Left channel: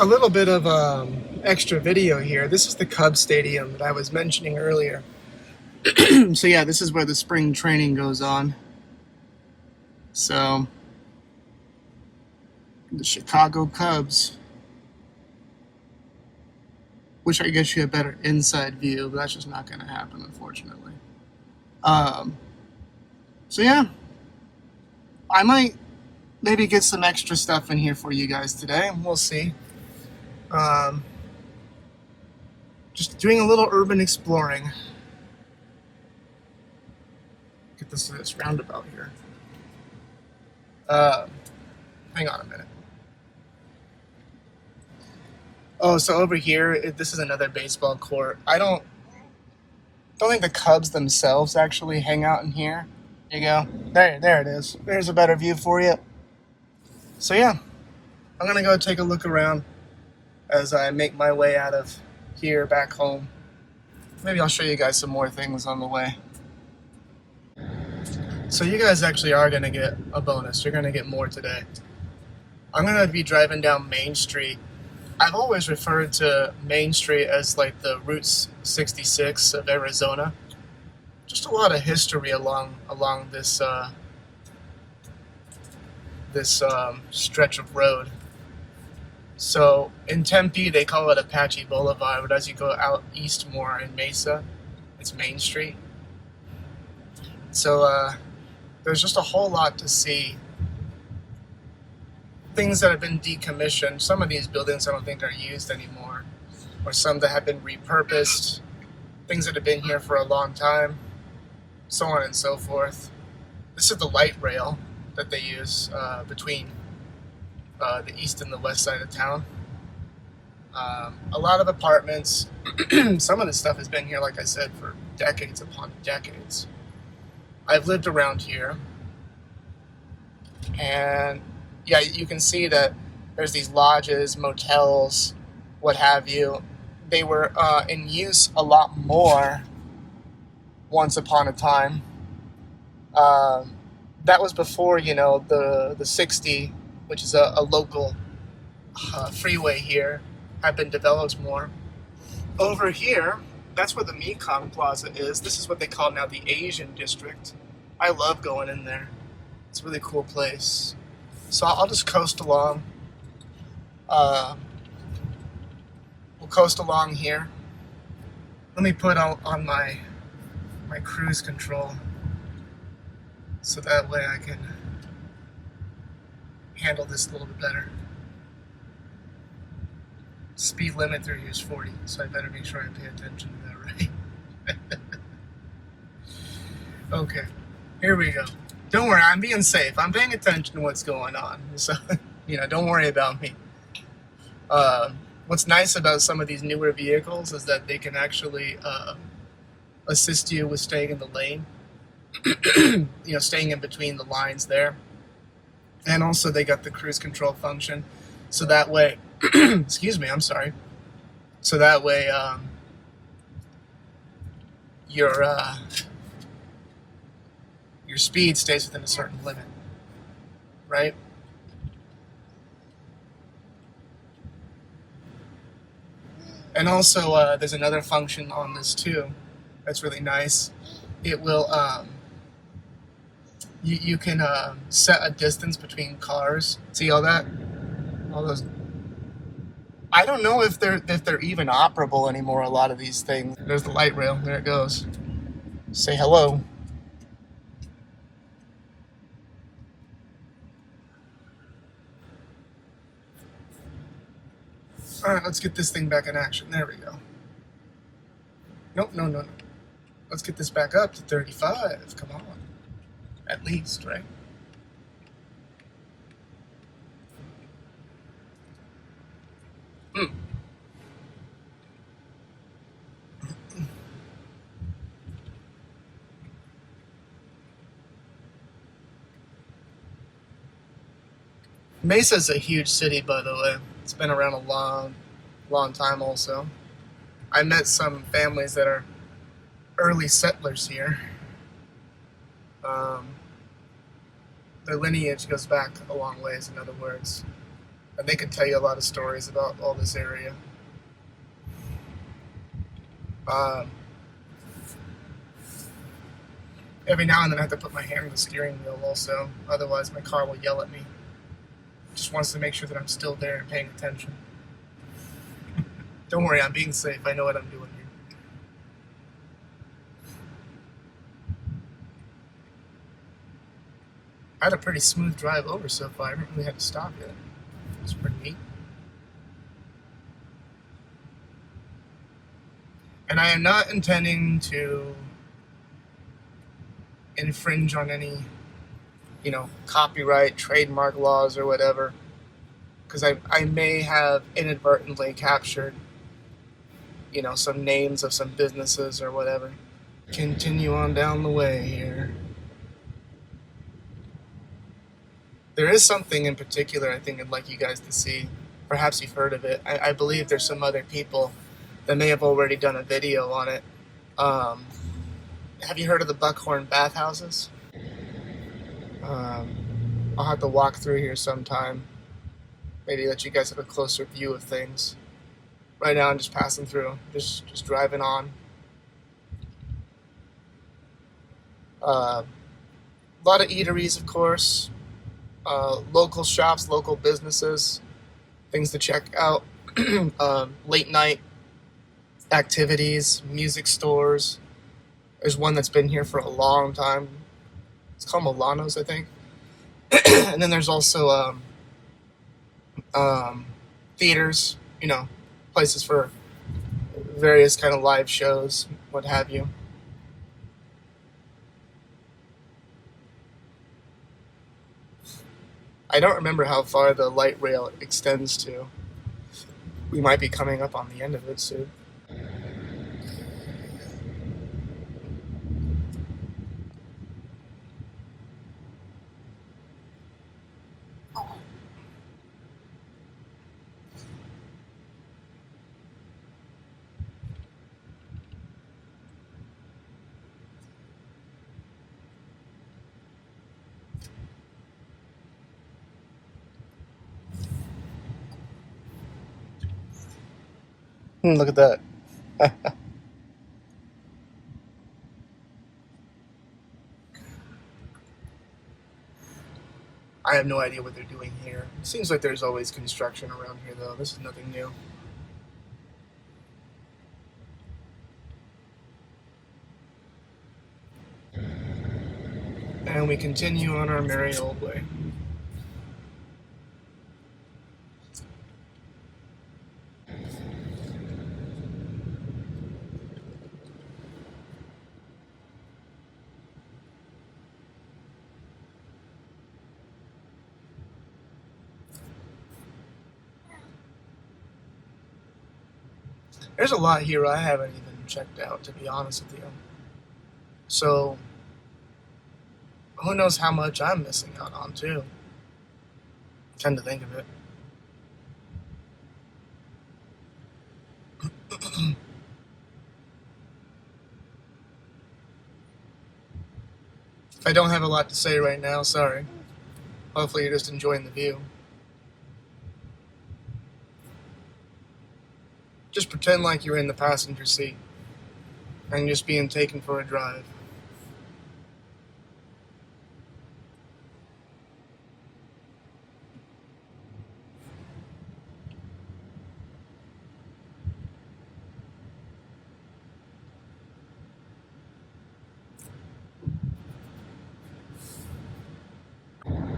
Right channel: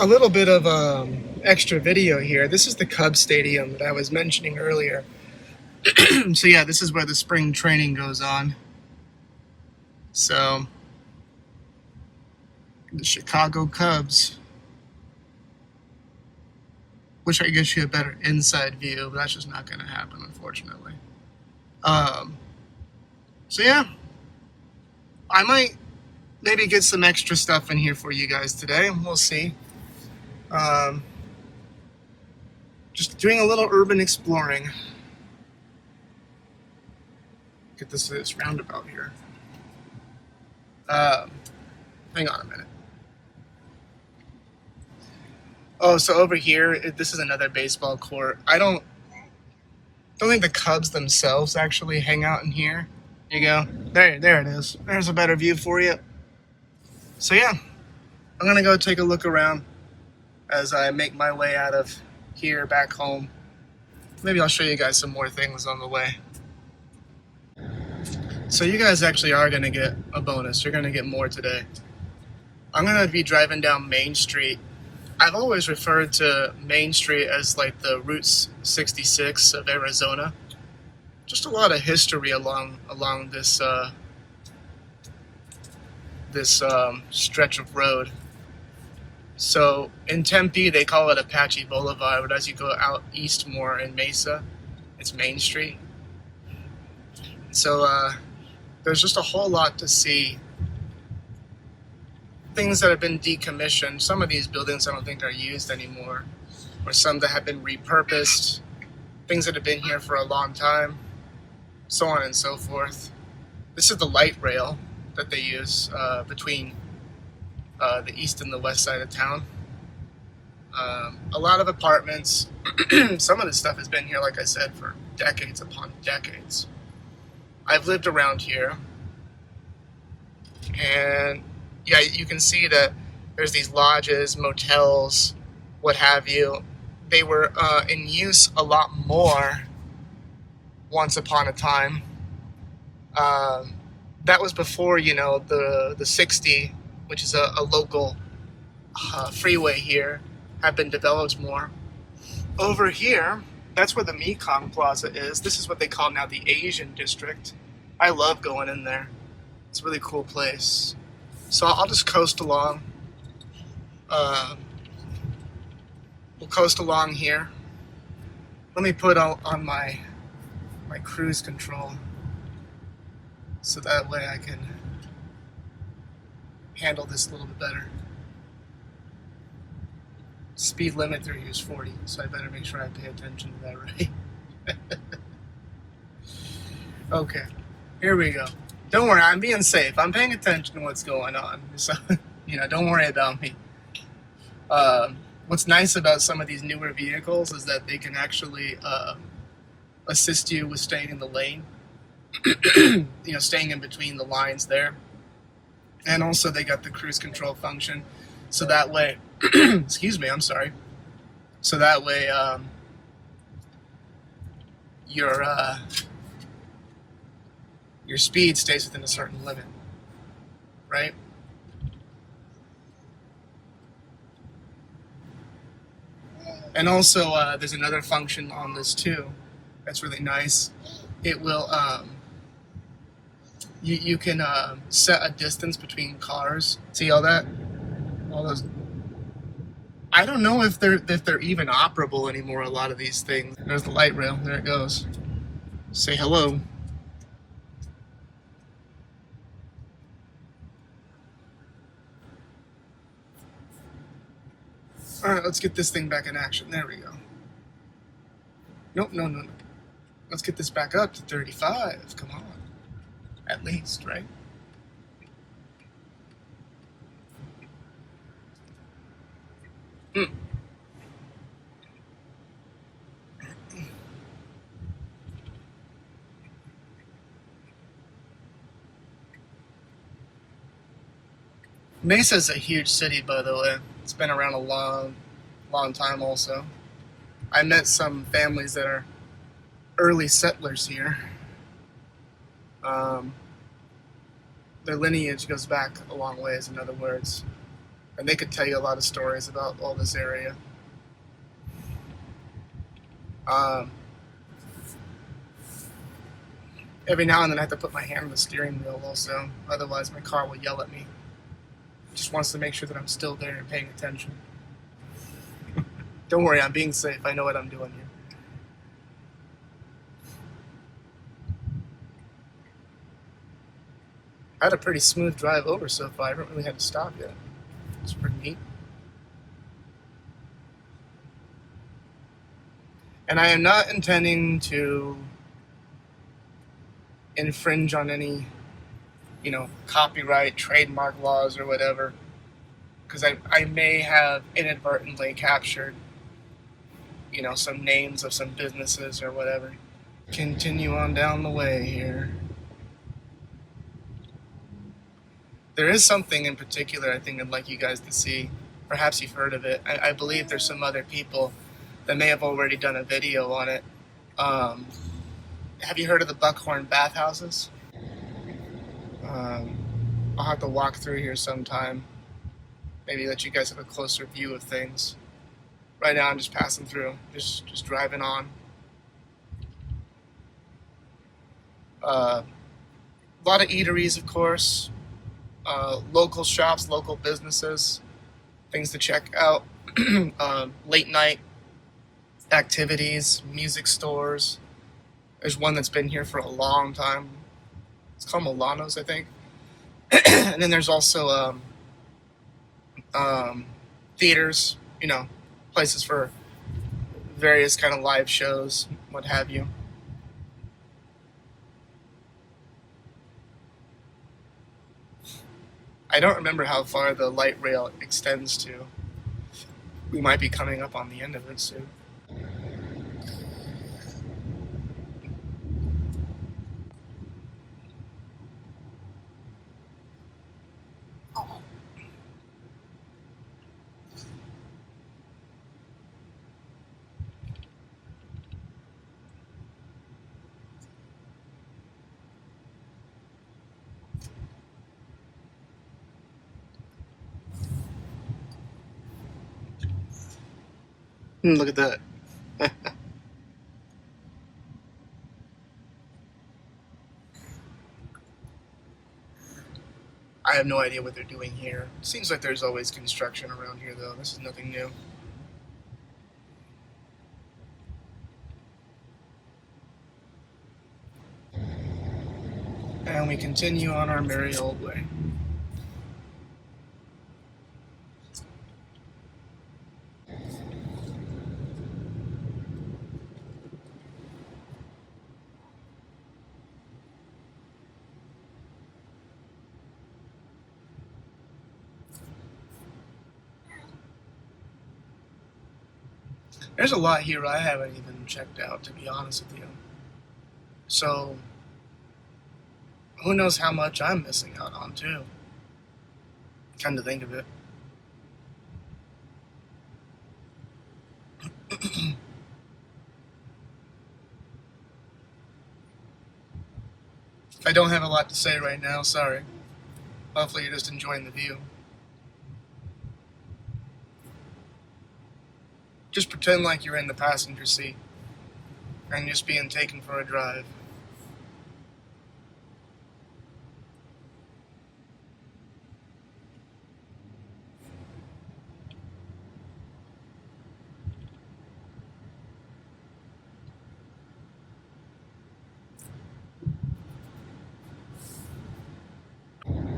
A little bit of extra video here. This is the Cubs Stadium that I was mentioning earlier. So yeah, this is where the spring training goes on. So the Chicago Cubs. Wish I could get you a better inside view, but that's just not going to happen, unfortunately. So yeah, I might maybe get some extra stuff in here for you guys today. We'll see. Just doing a little urban exploring. Get this roundabout here. Hang on a minute. Oh, so over here, this is another baseball court. I don't think the Cubs themselves actually hang out in here. There you go. There it is. There's a better view for you. So yeah, I'm gonna go take a look around as I make my way out of here back home. Maybe I'll show you guys some more things on the way. So you guys actually are gonna get a bonus. You're gonna get more today. I'm gonna be driving down Main Street. I've always referred to Main Street as like the Route 66 of Arizona. Just a lot of history along this stretch of road. So in Tempe, they call it Apache Boulevard, but as you go out east more in Mesa, it's Main Street. So there's just a whole lot to see. Things that have been decommissioned. Some of these buildings I don't think are used anymore, or some that have been repurposed. Things that have been here for a long time, so on and so forth. This is the light rail that they use between the east and the west side of town. A lot of apartments. Some of this stuff has been here, like I said, for decades upon decades. I've lived around here, and yeah, you can see that there's these lodges, motels, what have you. They were in use a lot more once upon a time. That was before, the 60, which is a local freeway here, had been developed more. Over here, that's where the Mekong Plaza is. This is what they call now the Asian District. I love going in there. It's a really cool place. So I'll just coast along. We'll coast along here. Let me put on my cruise control so that way I can handle this a little bit better. Speed limit through here is 40, so I better make sure I pay attention to that, right? Okay, here we go. Don't worry, I'm being safe. I'm paying attention to what's going on. So, don't worry about me. What's nice about some of these newer vehicles is that they can actually assist you with staying in the lane. Staying in between the lines there. And also they got the cruise control function. So that way, excuse me, I'm sorry. So that way, your speed stays within a certain limit, right? And also, there's another function on this too that's really nice. It will, you can set a distance between cars. See all that? All those. I don't know if they're even operable anymore. A lot of these things. There's the light rail. There it goes. Say hello. All right, let's get this thing back in action. There we go. Nope, no. Let's get this back up to 35. Come on. At least, right? Mesa's a huge city, by the way. It's been around a long time also. I met some families that are early settlers here. Their lineage goes back a long ways, in other words. and they could tell you a lot of stories about all this area. Every now and then I have to put my hand on the steering wheel also, otherwise my car will yell at me. It just wants to make sure that I'm still there and paying attention. Don't worry, I'm being safe. I know what I'm doing here. I had a pretty smooth drive over so far. I haven't really had to stop yet. It's pretty neat. And I am not intending to infringe on any, copyright, trademark laws or whatever, because I may have inadvertently captured, some names of some businesses or whatever. Continue on down the way here. There is something in particular I think I'd like you guys to see. Perhaps you've heard of it. I believe there's some other people that may have already done a video on it. Have you heard of the Buckhorn bathhouses? I'll have to walk through here sometime. Maybe let you guys have a closer view of things. Right now I'm just passing through, just driving on. A lot of eateries, of course. Local shops, local businesses, things to check out. Late night activities, music stores. There's one that's been here for a long time. It's called Milano's, I think. And then there's also theaters, places for various kind of live shows, what have you. I don't remember how far the light rail extends to. We might be coming up on the end of it soon. Look at that. I have no idea what they're doing here. Seems like there's always construction around here, though. This is nothing new. And we continue on our merry old way. There's a lot here I haven't even checked out, to be honest with you. So, who knows how much I'm missing out on, too. Come to think of it. I don't have a lot to say right now, sorry. Hopefully you're just enjoying the view. Just pretend like you're in the passenger seat and just being taken for a drive.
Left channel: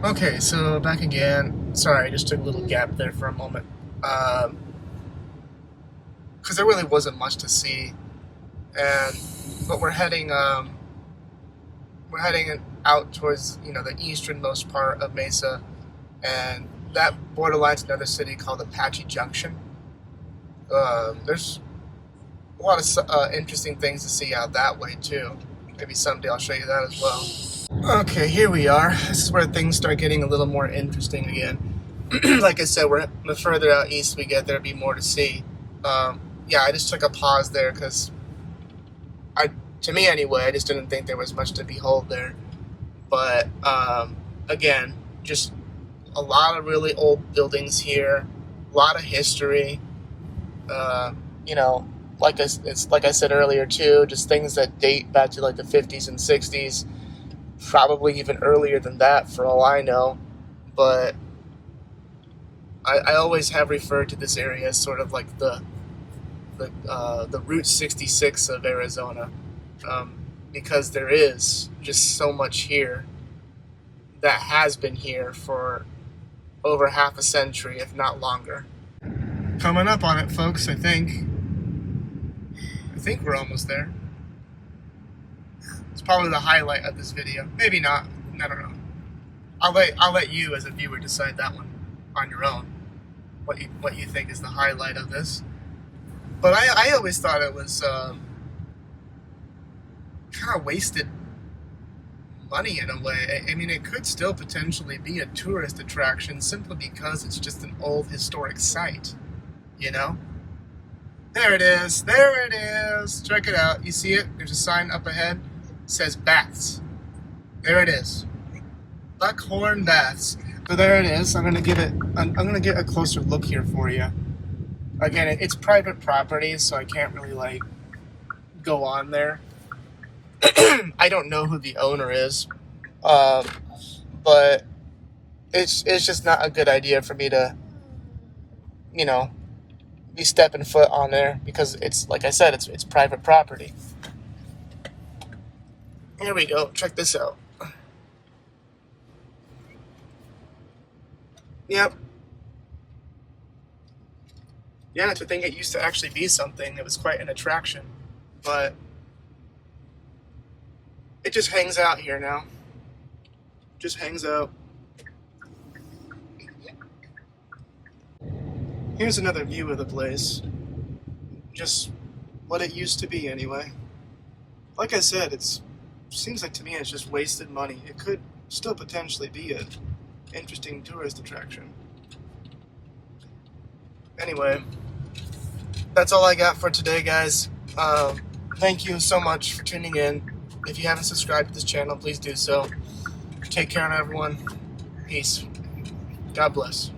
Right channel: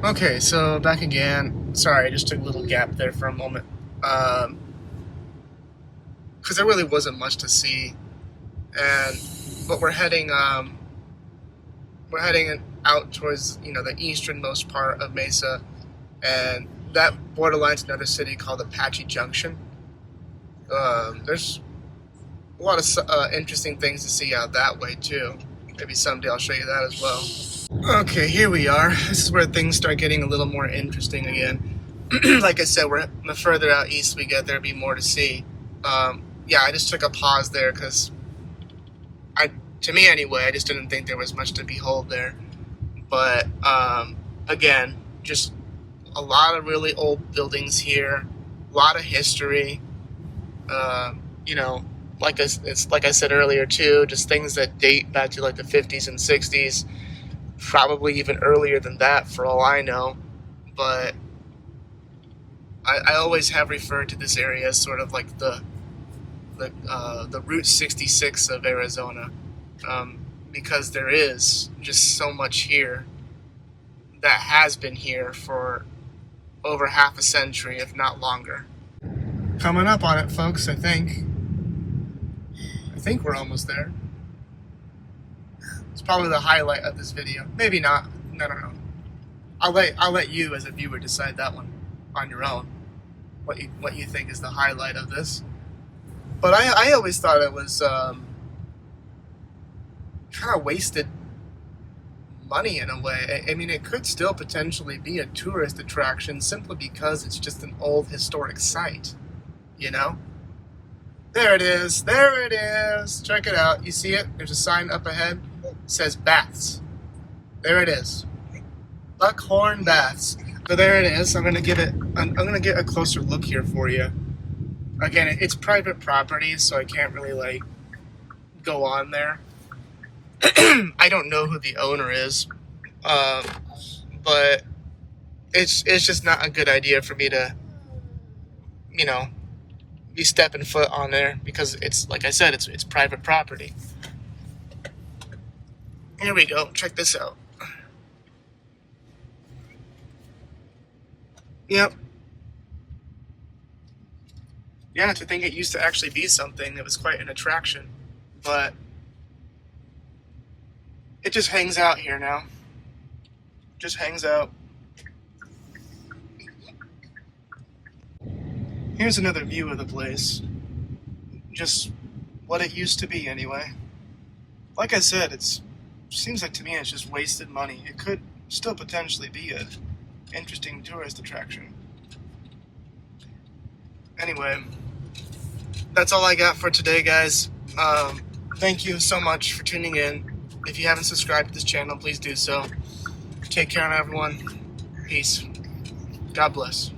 Okay, so back again. Sorry, I just took a little gap there for a moment. Because there really wasn't much to see, but we're heading out towards the easternmost part of Mesa, and that borderlines another city called Apache Junction. There's a lot of interesting things to see out that way too. Maybe someday I'll show you that as well. Okay, here we are. This is where things start getting a little more interesting again. Like I said, the further out east we get, there'll be more to see. Yeah, I just took a pause there because to me anyway, I just didn't think there was much to behold there. But again, just A lot of really old buildings here, a lot of history. You know, like I said earlier too, just things that date back to like the 50s and 60s, probably even earlier than that for all I know. But I always have referred to this area as sort of like the Route 66 of Arizona, because there is just so much here that has been here for over half a century, if not longer. Coming up on it, folks. I think we're almost there. It's probably the highlight of this video. Maybe not. I don't know. I'll let you as a viewer decide that one on your own. What you think is the highlight of this. But I always thought it was kind of wasted money in a way. I mean, it could still potentially be a tourist attraction simply because it's just an old historic site, you know? There it is. There it is. Check it out. You see it? There's a sign up ahead. It says baths. There it is. Buckhorn baths. So there it is. I'm gonna get a closer look here for you. Again, it's private property, so I can't really like go on there. I don't know who the owner is, but it's just not a good idea for me to, you know, be stepping foot on there because it's, like I said, it's private property. Here we go. Check this out. Yep. Yeah, to think it used to actually be something. It was quite an attraction, but it just hangs out here now. Just hangs out. Here's another view of the place. Just what it used to be anyway. Like I said, seems like to me it's just wasted money. It could still potentially be an interesting tourist attraction. Anyway, that's all I got for today, guys. Thank you so much for tuning in. If you haven't subscribed to this channel, please do so. Take care, everyone. Peace. God bless.